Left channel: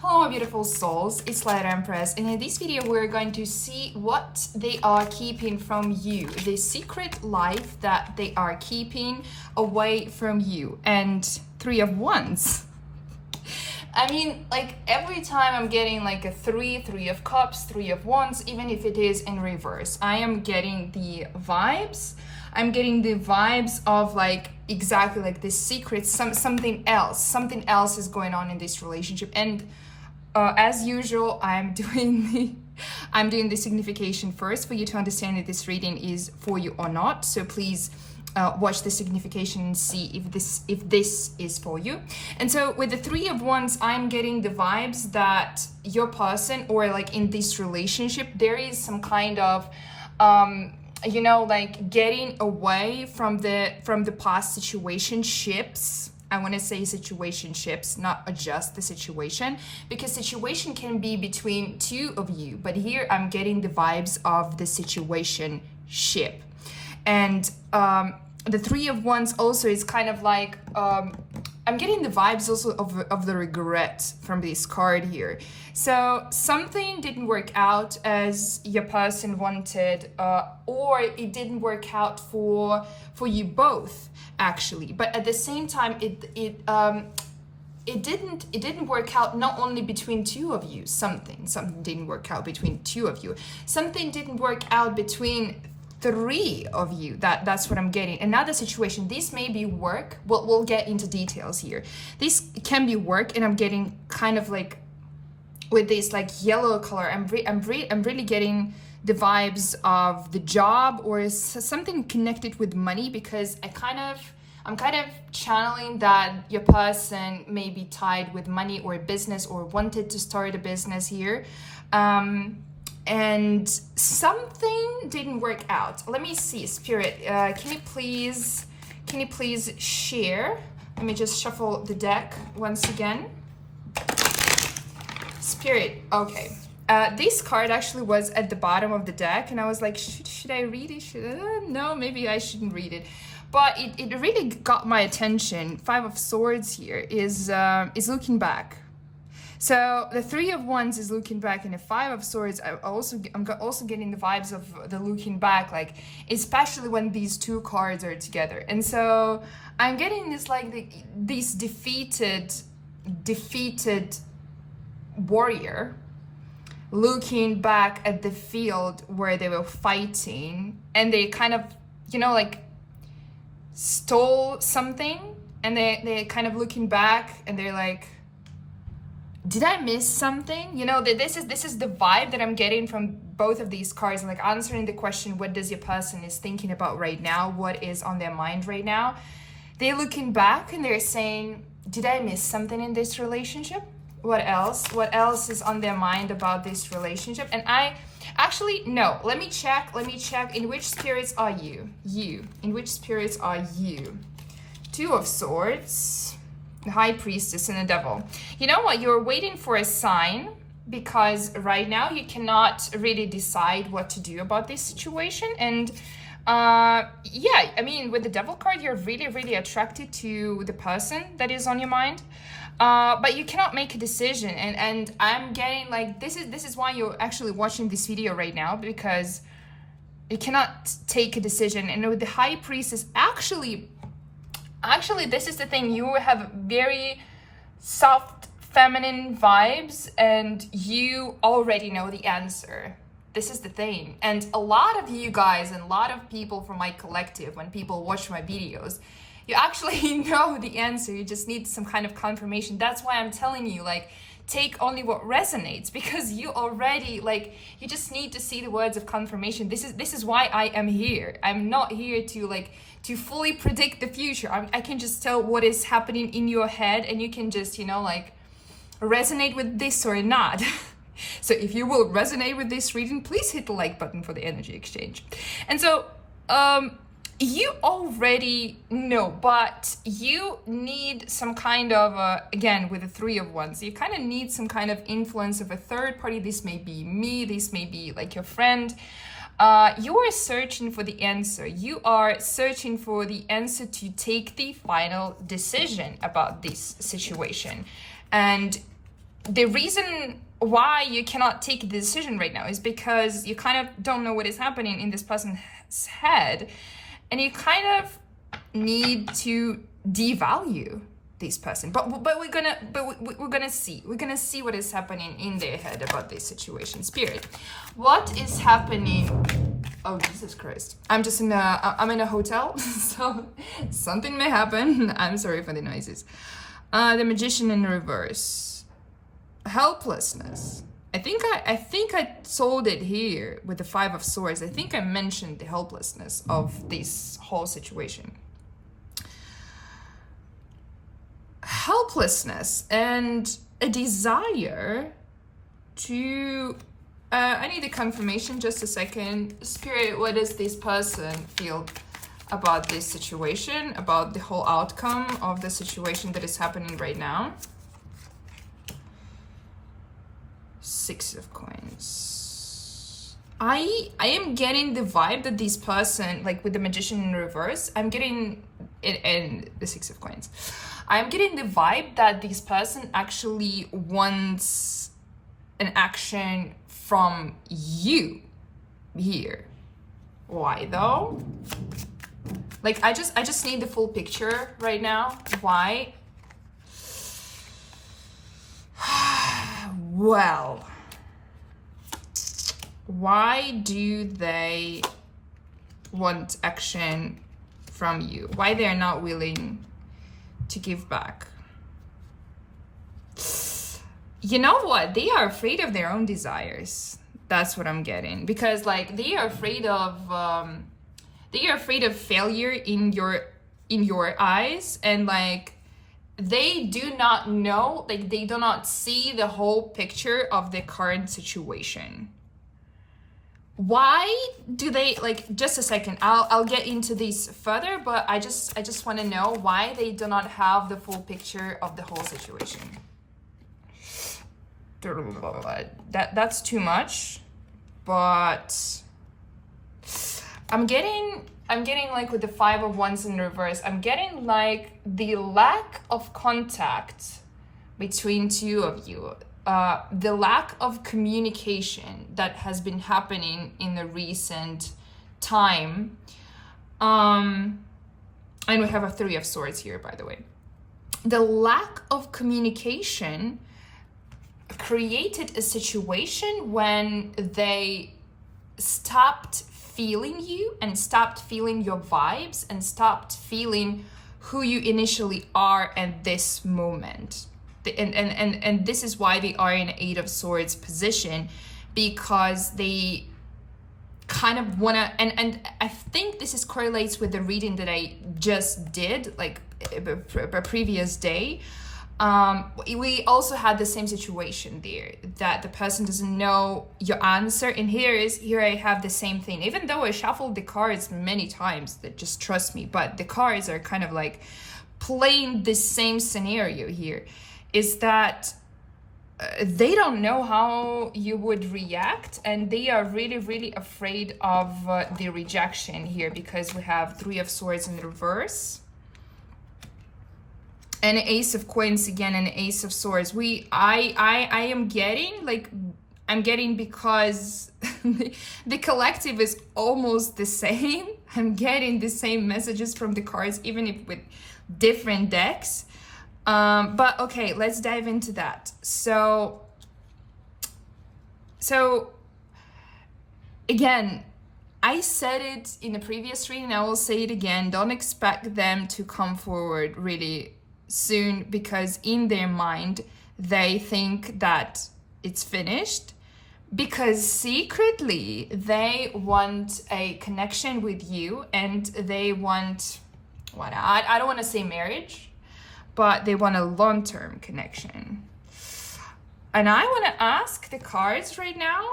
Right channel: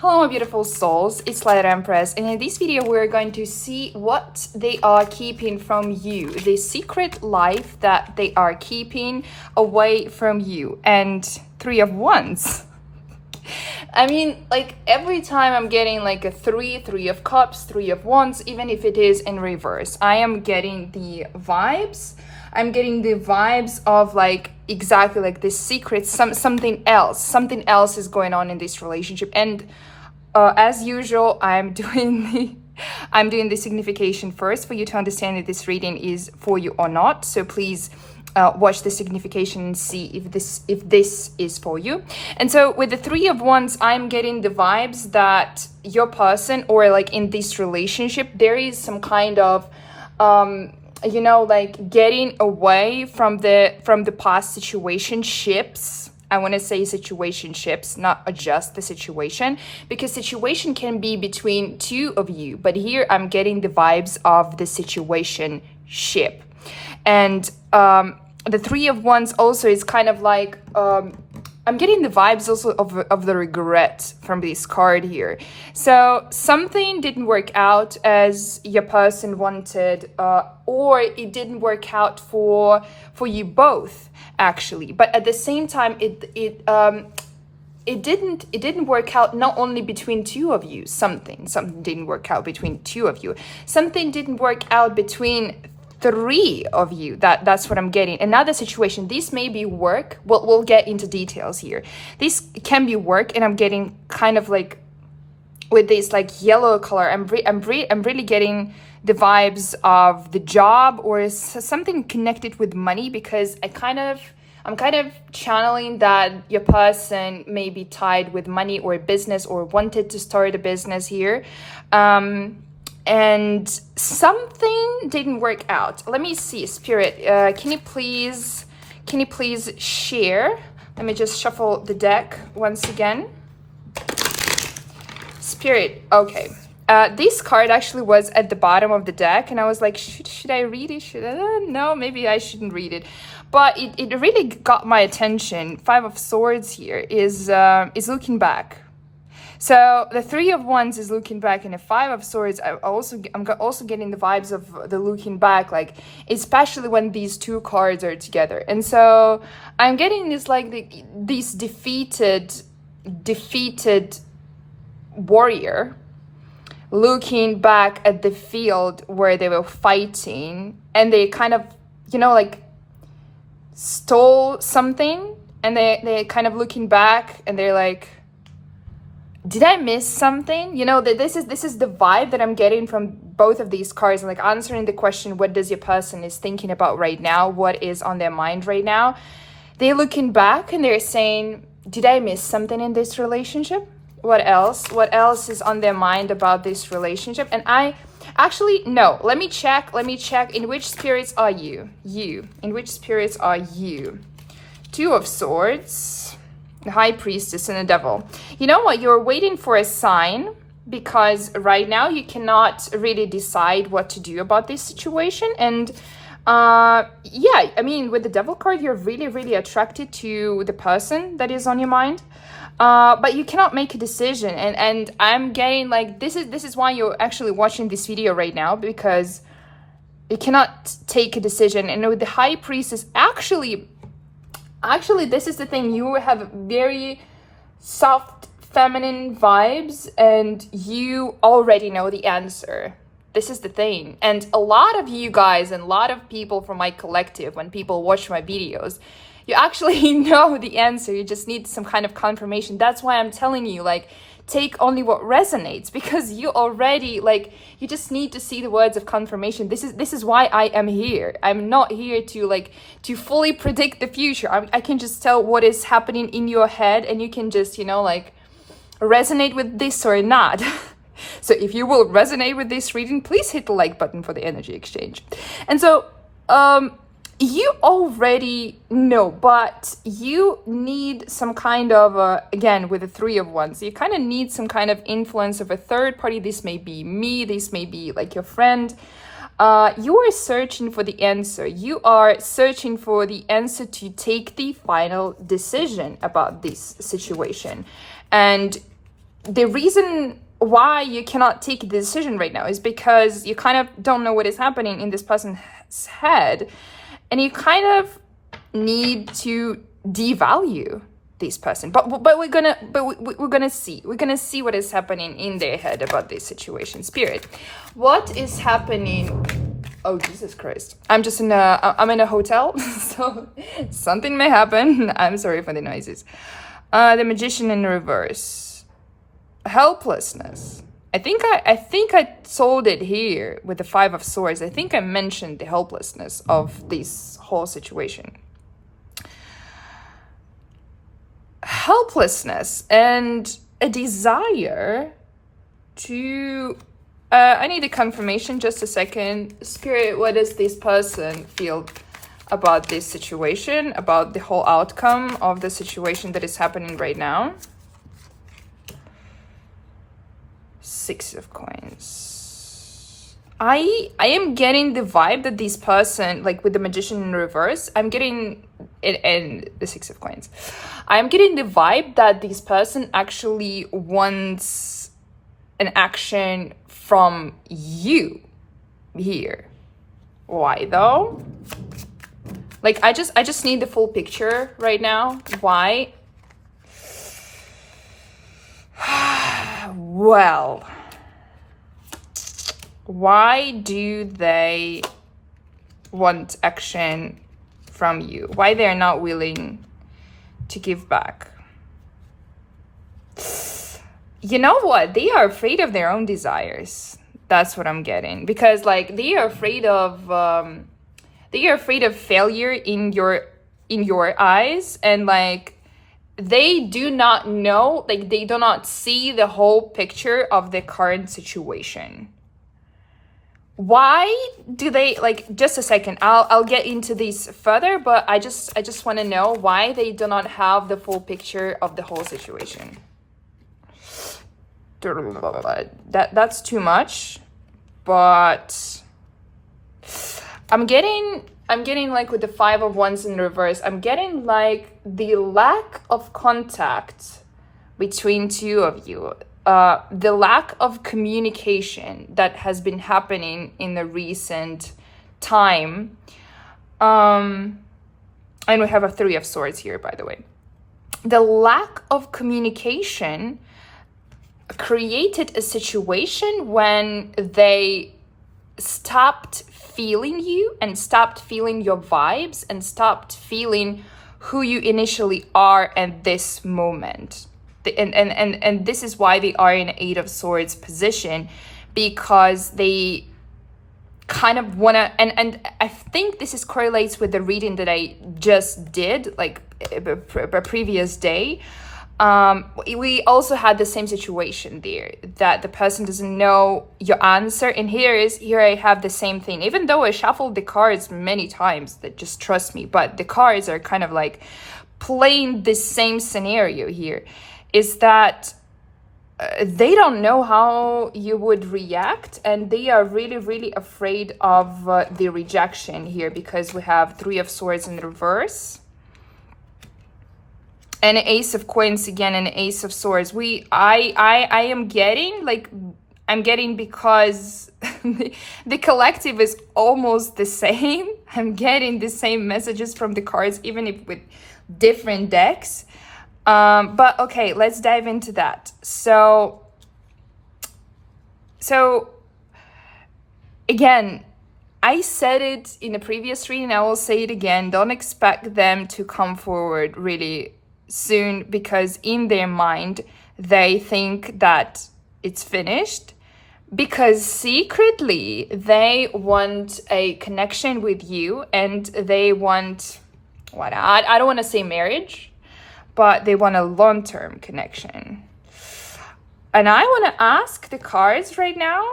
Hello my beautiful souls, it's Light Empress, and in this video we're going to see what they are keeping from you, the secret life that they are keeping away from you. And Three of Wands. I mean, like every time I'm getting like a three of cups, Three of Wands, even if it is in reverse, I am getting the vibes. I'm getting the vibes of like exactly like this secret, something else is going on in this relationship. And as usual, I'm doing the signification first for you to understand if this reading is for you or not. So please watch the signification and see if this is for you. And so with the Three of Wands, I'm getting the vibes that your person, or like in this relationship, there is some kind of like getting away from the past situationships. I want to say situationships, not just the situation, because situation can be between two of you, but here I'm getting the vibes of the situationship. And the Three of Wands also is kind of like, I'm getting the vibes also of the regret from this card here. So something didn't work out as your person wanted, or it didn't work out for you both, actually. But at the same time, it didn't work out not only between two of you. Something didn't work out between two of you. Something didn't work out between three of you. That's what I'm getting. Another situation, this may be work. We'll get into details here. This can be work, and I'm getting kind of like with this like yellow color. I'm really getting the vibes of the job or something connected with money, because I'm kind of channeling that your person may be tied with money or a business, or wanted to start a business here. And something didn't work out. Let me see, Spirit, can you please share? Let me just shuffle the deck once again. Spirit, okay. This card actually was at the bottom of the deck, and I was like, should I read it? No, maybe I shouldn't read it. But it really got my attention. Five of Swords here is looking back. So the Three of Wands is looking back, and the Five of Swords, I'm also getting the vibes of the looking back, like especially when these two cards are together. And so I'm getting this like this defeated warrior looking back at the field where they were fighting, and they kind of like stole something, and they kind of looking back, and they're like, did I miss something? This is the vibe that I'm getting from both of these cards, like answering the question, what does your person is thinking about right now? What is on their mind right now? They're looking back and they're saying, did I miss something in this relationship? What else? What else is on their mind about this relationship? And no, let me check. In which spirits are you? In which spirits are you? Two of Swords, the High Priestess, and the Devil. You know what? You're waiting for a sign, because right now you cannot really decide what to do about this situation. And yeah, I mean, with the Devil card, you're really attracted to the person that is on your mind, but you cannot make a decision. And I'm getting like, this is why you're actually watching this video right now, because you cannot take a decision. And with the High Priestess, actually, this is the thing. You have very soft, feminine vibes, and you already know the answer. This is the thing. And a lot of you guys and a lot of people from my collective, when people watch my videos, you actually know the answer. You just need some kind of confirmation. That's why I'm telling you, like, take only what resonates, because you already, like, you just need to see the words of confirmation. This is why I am here. I'm not here to fully predict the future. I can just tell what is happening in your head, and you can just like resonate with this or not. So if you will resonate with this reading, please hit the like button for the energy exchange. And so you already know, but you need some kind of, again, with the Three of Wands, you kind of need some kind of influence of a third party. This may be me, this may be like your friend. You are searching for the answer. You are searching for the answer to take the final decision about this situation. And the reason why you cannot take a decision right now is because you kind of don't know what is happening in this person's head, and you kind of need to devalue this person. But we're gonna see what is happening in their head about this situation. Spirit, what is happening? Oh, Jesus Christ. I'm in a hotel, so something may happen. I'm sorry for the noises. The Magician in reverse. Helplessness. I think I sold it here with the Five of Swords. I think I mentioned the helplessness of this whole situation. Helplessness and a desire to I need a confirmation, just a second. Spirit, what does this person feel about this situation, about the whole outcome of the situation that is happening right now? Six of Coins. I am getting the vibe that this person, like with the Magician in reverse, I'm getting it, and the Six of Coins. I'm getting the vibe that this person actually wants an action from you here. Why though? Like I just need the full picture right now. Why? Well, why do they want action from you? Why they're not willing to give back? You know what? They are afraid of their own desires. That's what I'm getting. Because like they are afraid of failure in your eyes, and like they do not know, like they do not see the whole picture of the current situation. Why do they, like, just a second, I'll get into this further, but I just want to know why they do not have the full picture of the whole situation. That's too much, but I'm getting like with the Five of Wands in reverse, I'm getting like the lack of contact between two of you, the lack of communication that has been happening in the recent time. And we have a Three of Swords here, by the way. The lack of communication created a situation when they stopped feeling you and stopped feeling your vibes and stopped feeling who you initially are at this moment. And this is why they are in Eight of Swords position, because they kind of want to, and I think this correlates with the reading that I just did, like a previous day. We also had the same situation there, that the person doesn't know your answer. And here I have the same thing, even though I shuffled the cards many times, that just trust me, but the cards are kind of like playing the same scenario here, is that they don't know how you would react, and they are really, really afraid of the rejection here, because we have Three of Swords in reverse. And an Ace of Coins again, and an Ace of Swords. I am getting, like, I'm getting, because the collective is almost the same. I'm getting the same messages from the cards, even if with different decks. But okay, let's dive into that. So again, I said it in the previous reading, I will say it again. Don't expect them to come forward really soon, because in their mind they think that it's finished, because secretly they want a connection with you, and they want what, I don't want to say marriage, but they want a long-term connection. And I want to ask the cards right now,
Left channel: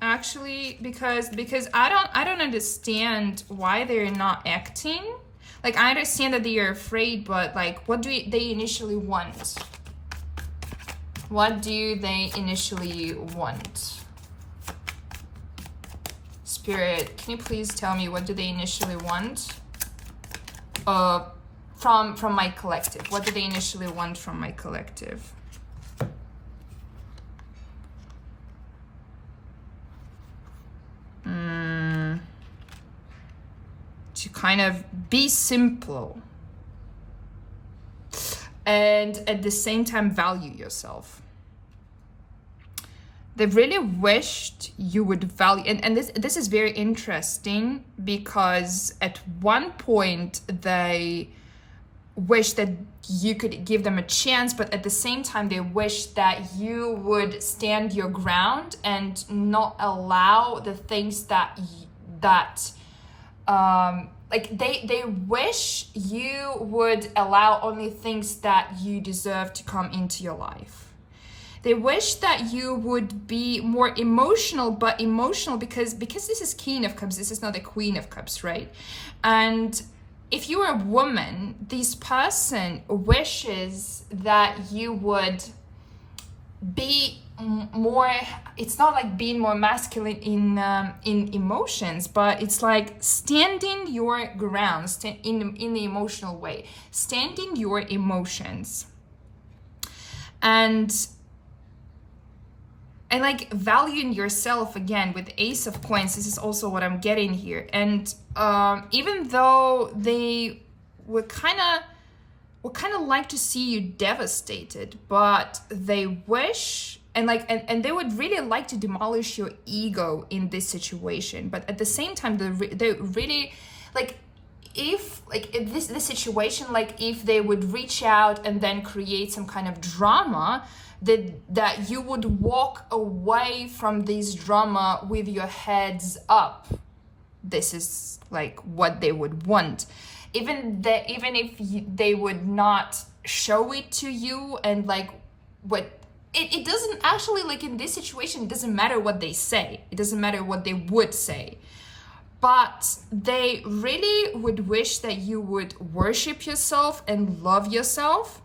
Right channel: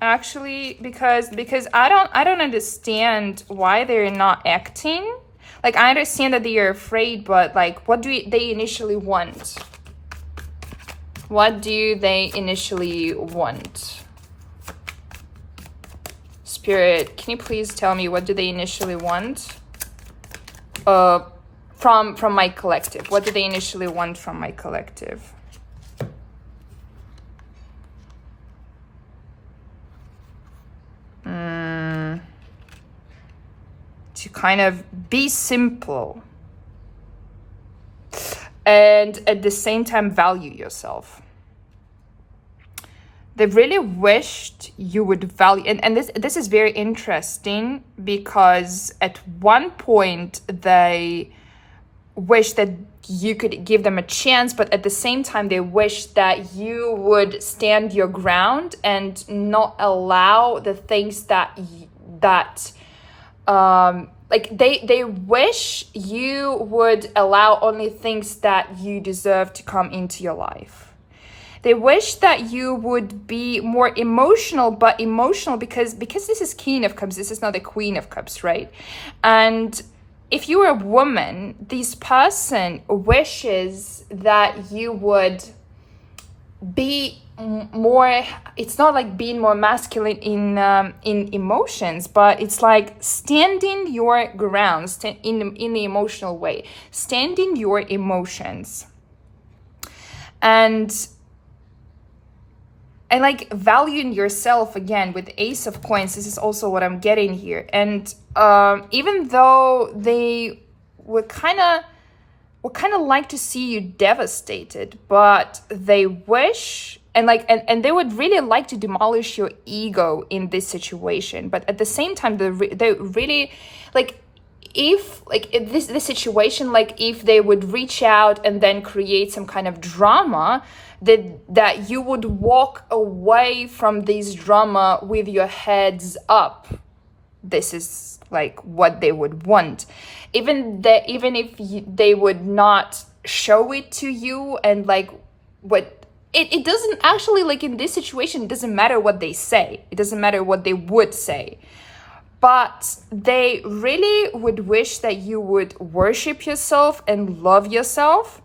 actually, because I don't understand why they're not acting. Like, I understand that they are afraid, but like, what do they initially want? What do they initially want? Spirit, can you please tell me, what do they initially want? From my collective. What do they initially want from my collective? to kind of be simple and at the same time value yourself. They really wished you would value, and this is very interesting, because at one point they wish that you could give them a chance, but at the same time they wish that you would stand your ground and not allow the things that like they wish you would allow only things that you deserve to come into your life. They wish that you would be more emotional, but emotional because this is King of Cups, this is not the Queen of Cups, right? And if you were a woman, this person wishes that you would be more, it's not like being more masculine in emotions, but it's like standing your ground in the emotional way, standing your emotions. And like valuing yourself, again with Ace of Coins, this is also what I'm getting here. And even though they would kind of like to see you devastated, but they wish and they would really like to demolish your ego in this situation. But at the same time, they really like, if this situation, like if they would reach out and then create some kind of drama, that you would walk away from this drama with your heads up. This is like what they would want, even if they would not show it to you. And like what it doesn't actually, like in this situation, it doesn't matter what they say, it doesn't matter what they would say, but they really would wish that you would worship yourself and love yourself.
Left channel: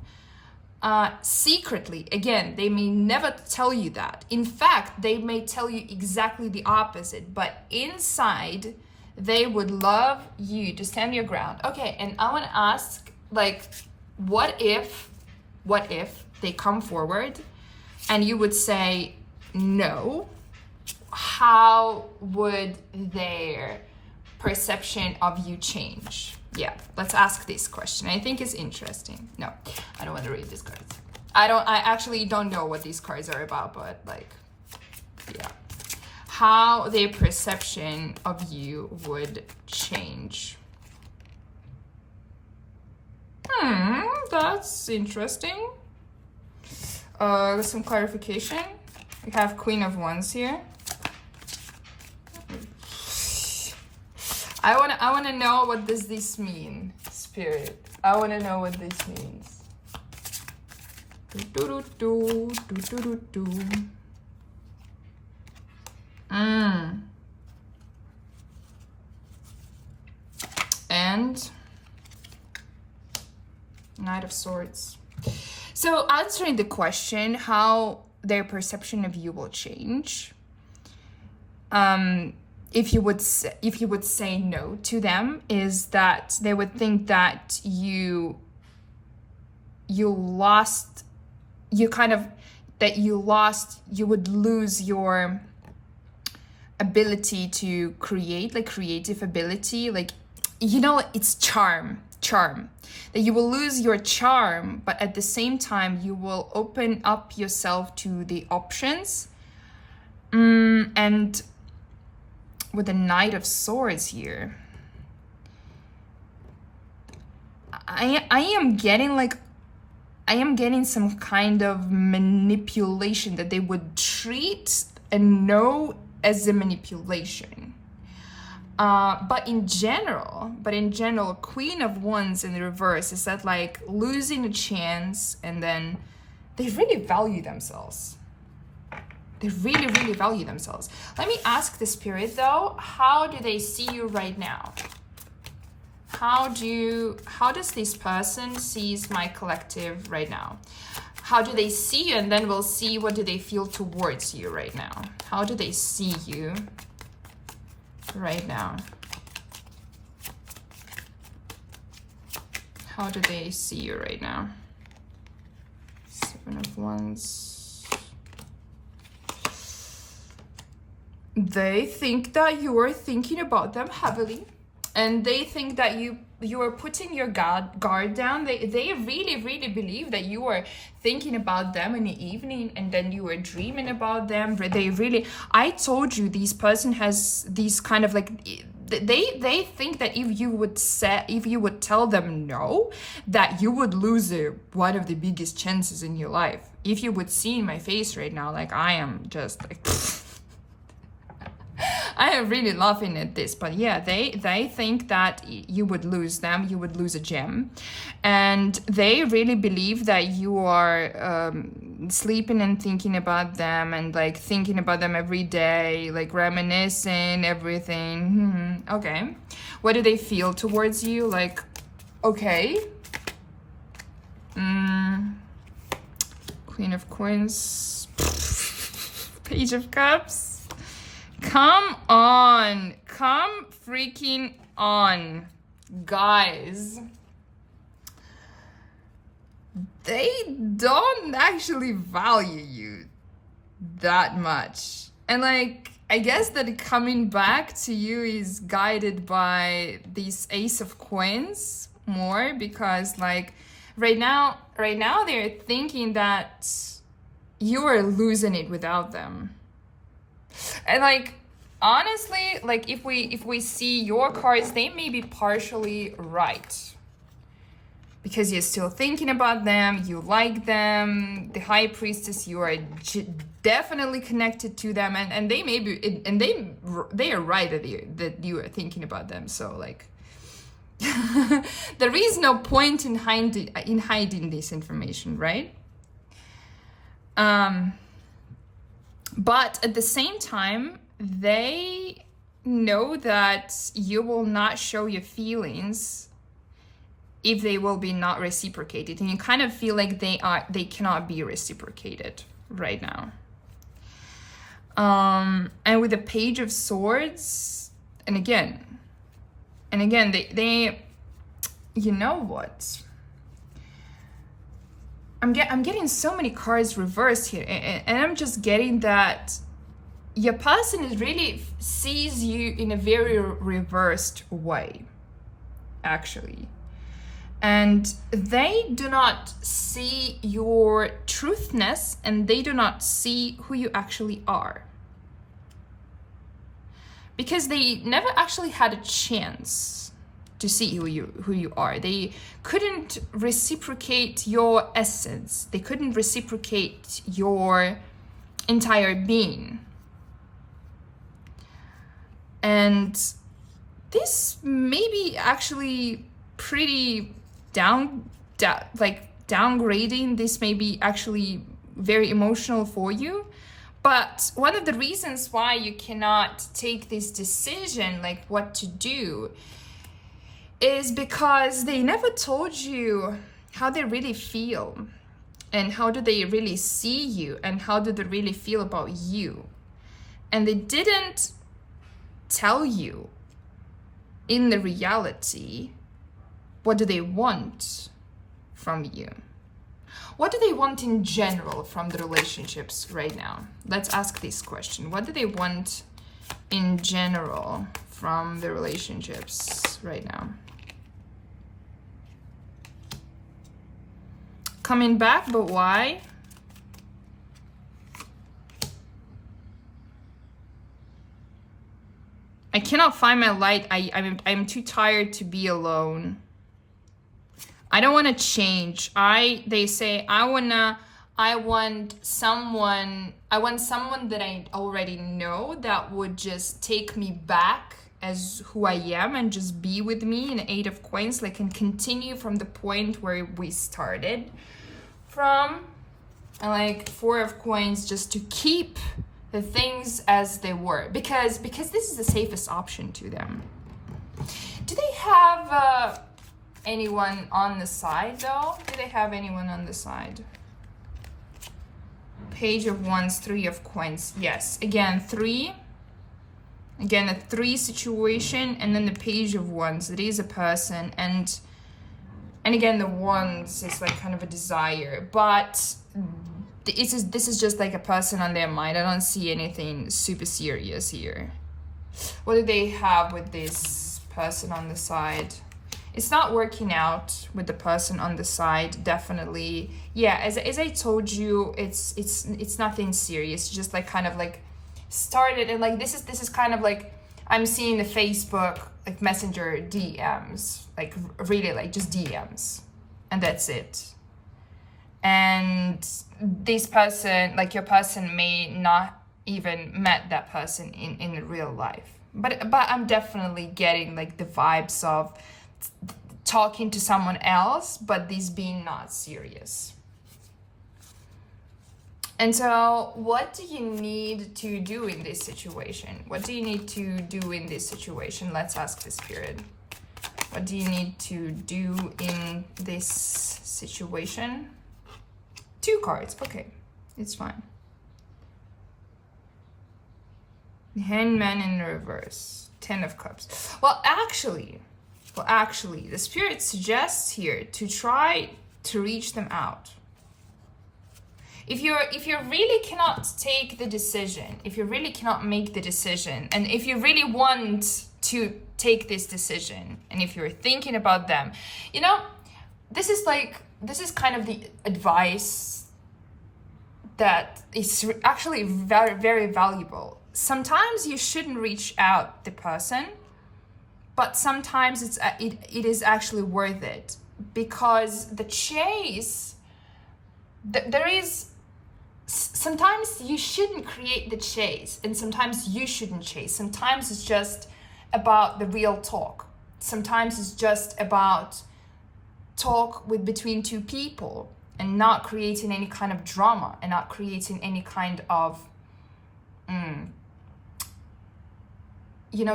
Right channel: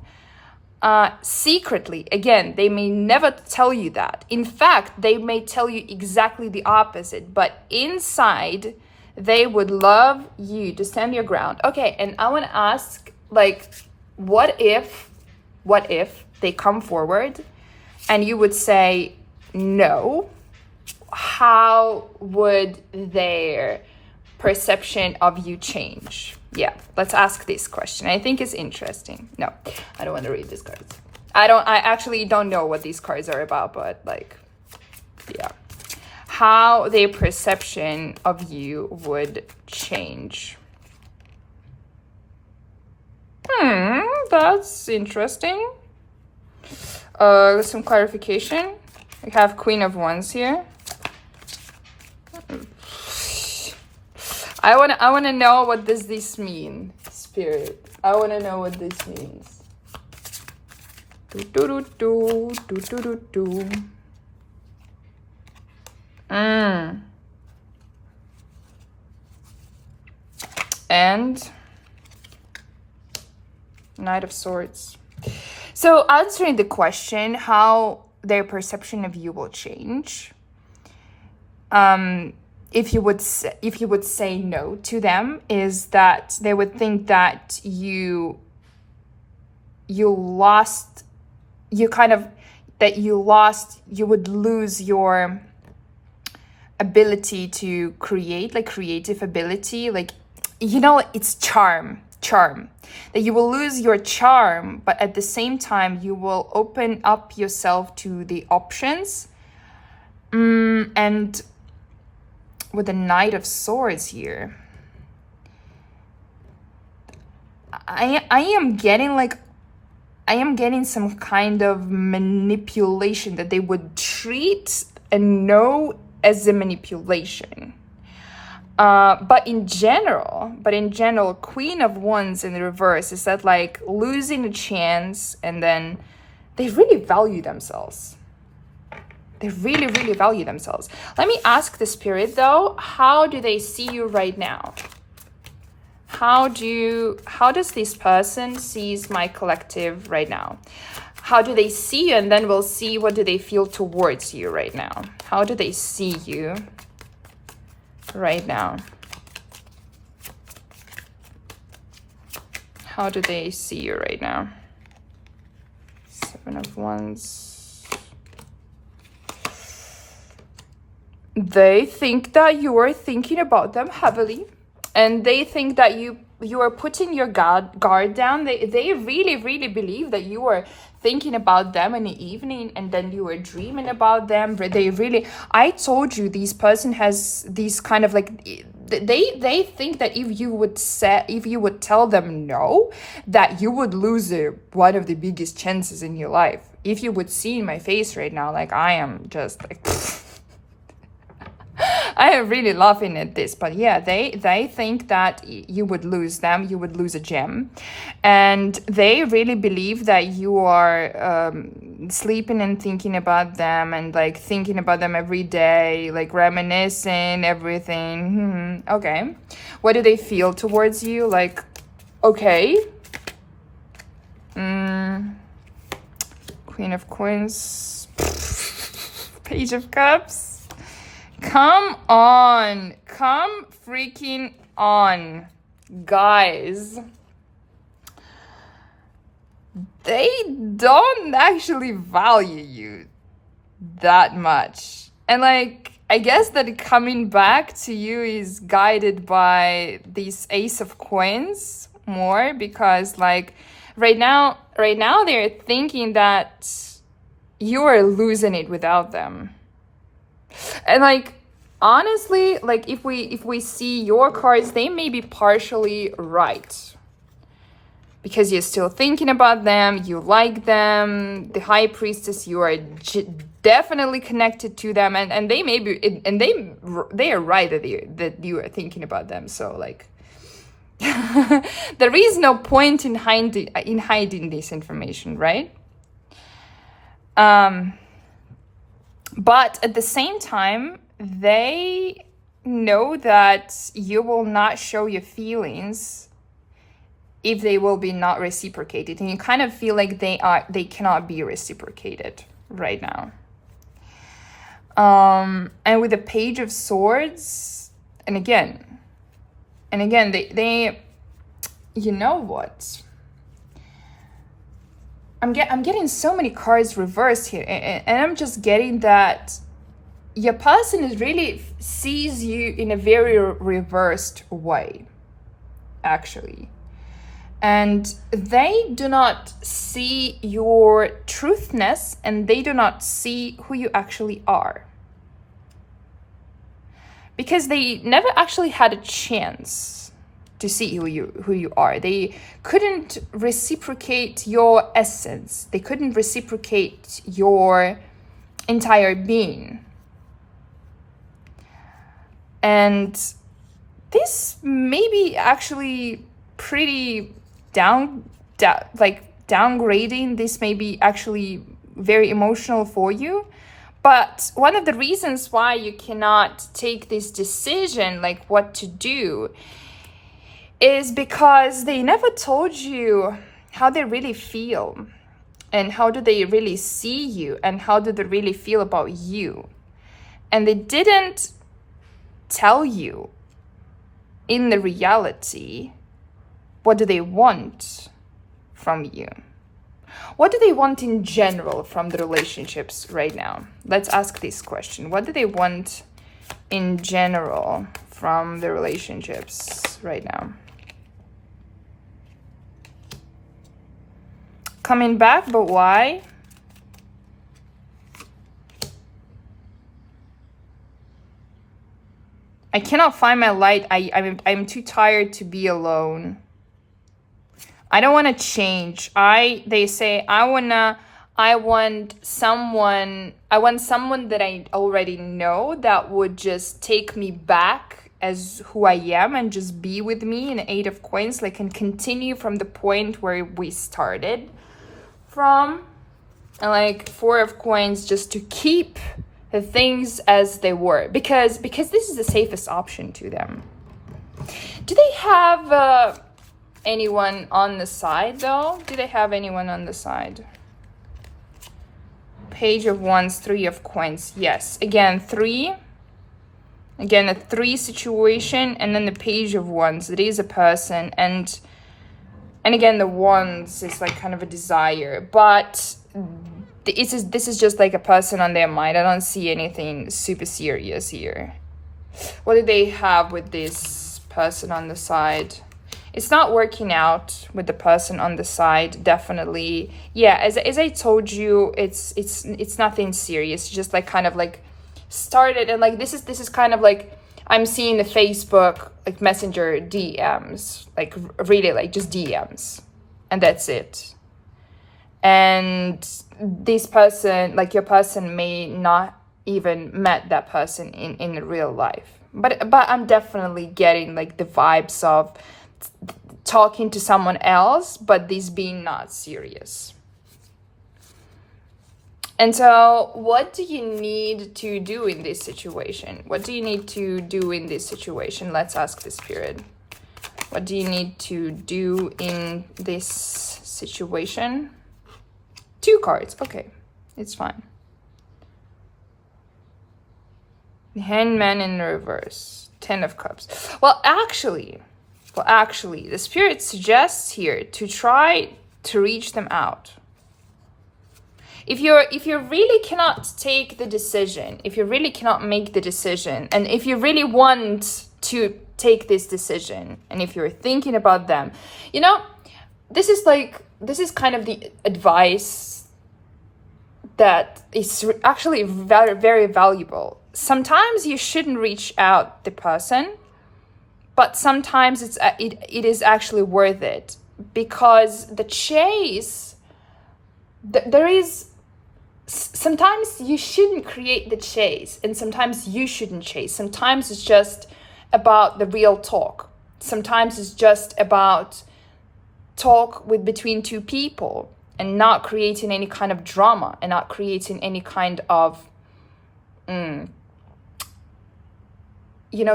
Secretly, again, they may never tell you that. In fact, they may tell you exactly the opposite, but inside they would love you to stand your ground. Okay, and I want to ask, like, what if they come forward and you would say no? How would their perception of you change? Yeah, let's ask this question. I think it's interesting. No, I don't want to read these cards. I actually don't know what these cards are about, but like, yeah. How their perception of you would change. That's interesting. Some clarification. We have Queen of Wands here. I wanna know, what does this mean, Spirit? I wanna know what this means. And Knight of Swords. So answering the question, how their perception of you will change. If you would say no to them, is that they would think that you would lose your ability to create, like creative ability, like, you know, it's charm, that you will lose your charm, but at the same time you will open up yourself to the options. And with the Knight of Swords here, I am getting some kind of manipulation, that they would treat a no as a manipulation. But in general, Queen of Wands in the reverse is that like losing a chance, and then they really value themselves. They really, really value themselves. Let me ask the Spirit though, how do they see you right now? How does this person sees my collective right now? How do they see you? And then we'll see, what do they feel towards you right now? How do they see you right now? How do they see you right now? Seven of Wands. They think that you are thinking about them heavily. And they think that you are putting your guard down. They really believe that you are thinking about them in the evening, and then you are dreaming about them. They really, I told you, this person has these kind of like, they think that if you would tell them no, that you would lose one of the biggest chances in your life. If you would see my face right now, like I am just like I am really laughing at this, but yeah, they think that you would lose them, you would lose a gem, and they really believe that you are sleeping and thinking about them, and like thinking about them every day, like reminiscing everything. Okay, what do they feel towards you? Like, okay, Queen of Coins, Page of Cups. Come on. Come freaking on, guys. They don't actually value you that much. And like, I guess that coming back to you is guided by this Ace of Coins more, because like right now they're thinking that you are losing it without them. And like, honestly, like if we see your cards, they may be partially right, because you're still thinking about them, you like them, the High Priestess, you are definitely connected to them, and they may be, and they are right that you are thinking about them. So like there is no point in hiding this information, right? But at the same time, they know that you will not show your feelings if they will be not reciprocated. And you kind of feel like they cannot be reciprocated right now. And with the Page of Swords, and again, they you know what? I'm getting so many cards reversed here, and I'm just getting that your person is really sees you in a very reversed way, actually. And they do not see your truthness, and they do not see who you actually are. Because they never actually had a chance to see who you are. They couldn't reciprocate your essence. They couldn't reciprocate your entire being. And this may be actually pretty downgrading. This may be actually very emotional for you. But one of the reasons why you cannot take this decision, like what to do, is because they never told you how they really feel, and how do they really see you, and how do they really feel about you. And they didn't tell you in the reality, what do they want from you? What do they want in general from the relationships right now? Let's ask this question. What do they want in general from the relationships right now? Coming back, but why? I cannot find my light. I'm too tired to be alone. I don't want to change. They say I want someone that I already know that would just take me back as who I am and just be with me in 8 of Coins, like, and continue from the point where we started from. And like 4 of Coins, just to keep the things as they were, because this is the safest option to them. Do they have anyone on the side though? Do they have anyone on the side? Page of Wands, 3 of Coins. Yes, again 3. Again, a 3 situation, and then the Page of Wands. It is a person, and again the Wands is like kind of a desire, but this is just like a person on their mind. I don't see anything super serious here. What do they have with this person on the side. It's not working out with the person on the side, definitely. Yeah, as I told you, it's nothing serious. Just like kind of like started, and like this is kind of like I'm seeing the Facebook like Messenger DMs, like really like just DMs, and that's it. And this person, like your person, may not even met that person in real life, but I'm definitely getting like the vibes of talking to someone else, but this being not serious. And so what do you need to do in this situation? What do you need to do in this situation? Let's ask the spirit. What do you need to do in this situation? 2 cards. Okay, it's fine. The Hangman in reverse. 10 of Cups. Well, actually, the spirit suggests here to try to reach them out. If you really cannot take the decision, if you really cannot make the decision, and if you really want to take this decision, and if you're thinking about them, you know, this is kind of the advice that is actually very, very valuable. Sometimes you shouldn't reach out the person, but sometimes it is actually worth it, because the chase, there is, sometimes you shouldn't create the chase, and sometimes you shouldn't chase. Sometimes it's just about the real talk. Sometimes it's just about talk between 2 people, and not creating any kind of drama, and not creating any kind of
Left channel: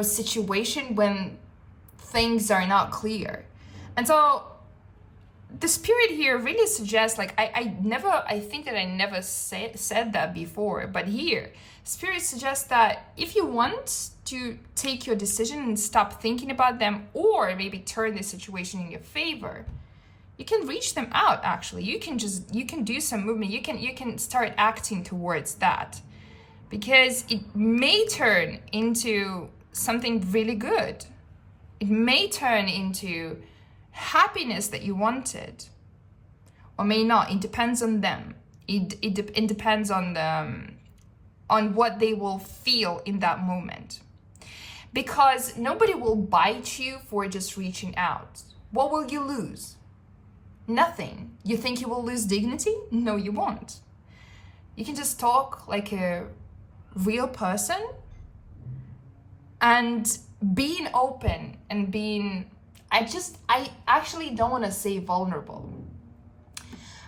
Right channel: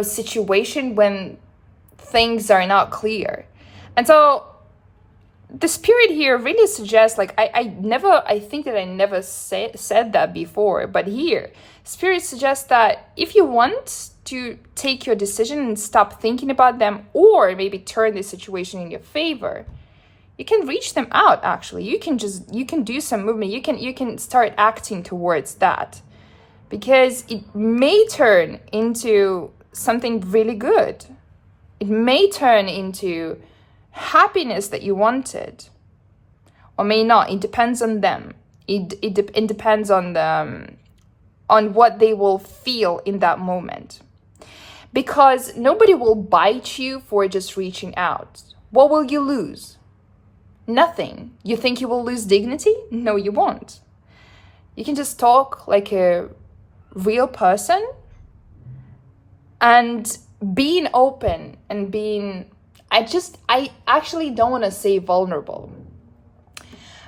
situation when things are not clear. And so the spirit here really suggests, like I think that I never said that before, but here spirit suggests that if you want to take your decision and stop thinking about them, or maybe turn the situation in your favor, you can reach them out. Actually, you can do some movement. You can start acting towards that, because it may turn into something really good. It may turn into happiness that you wanted, or may not. It depends on them. It depends on them, on what they will feel in that moment, because nobody will bite you for just reaching out. What will you lose? Nothing. You think you will lose dignity? No, you won't. You can just talk like a real person, and being open and being, I actually don't want to say vulnerable,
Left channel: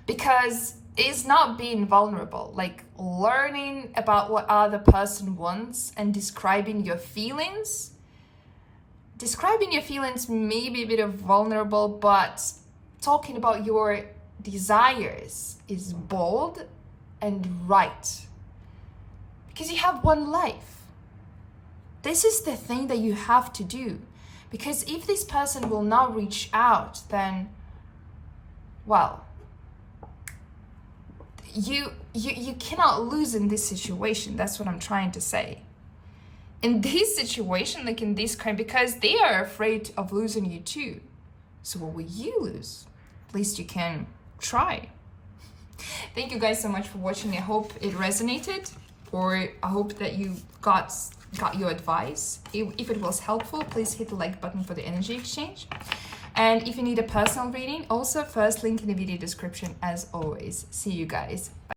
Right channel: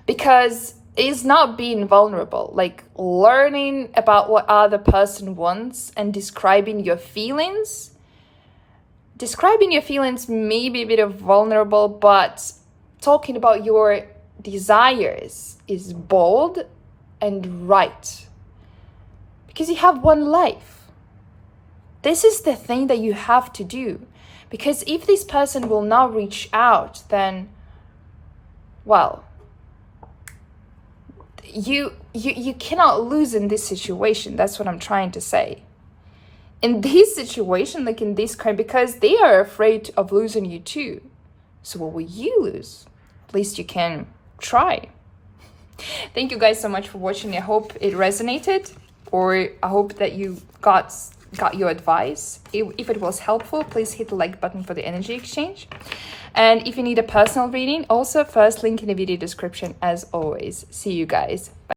because it's not being vulnerable, like learning about what other person wants and describing your feelings. Describing your feelings may be a bit of vulnerable, but talking about your desires is bold and right, because you have one life. This is the thing that you have to do, because if this person will not reach out, then, well, you cannot lose in this situation. That's what I'm trying to say. In this situation, like in this kind, because they are afraid of losing you too. So what will you lose? At least you can try. Thank you guys so much for watching. I hope it resonated, or I hope that you got your advice. If it was helpful, please hit the like button for the energy exchange. And if you need a personal reading, also first link in the video description as always. See you guys. Bye.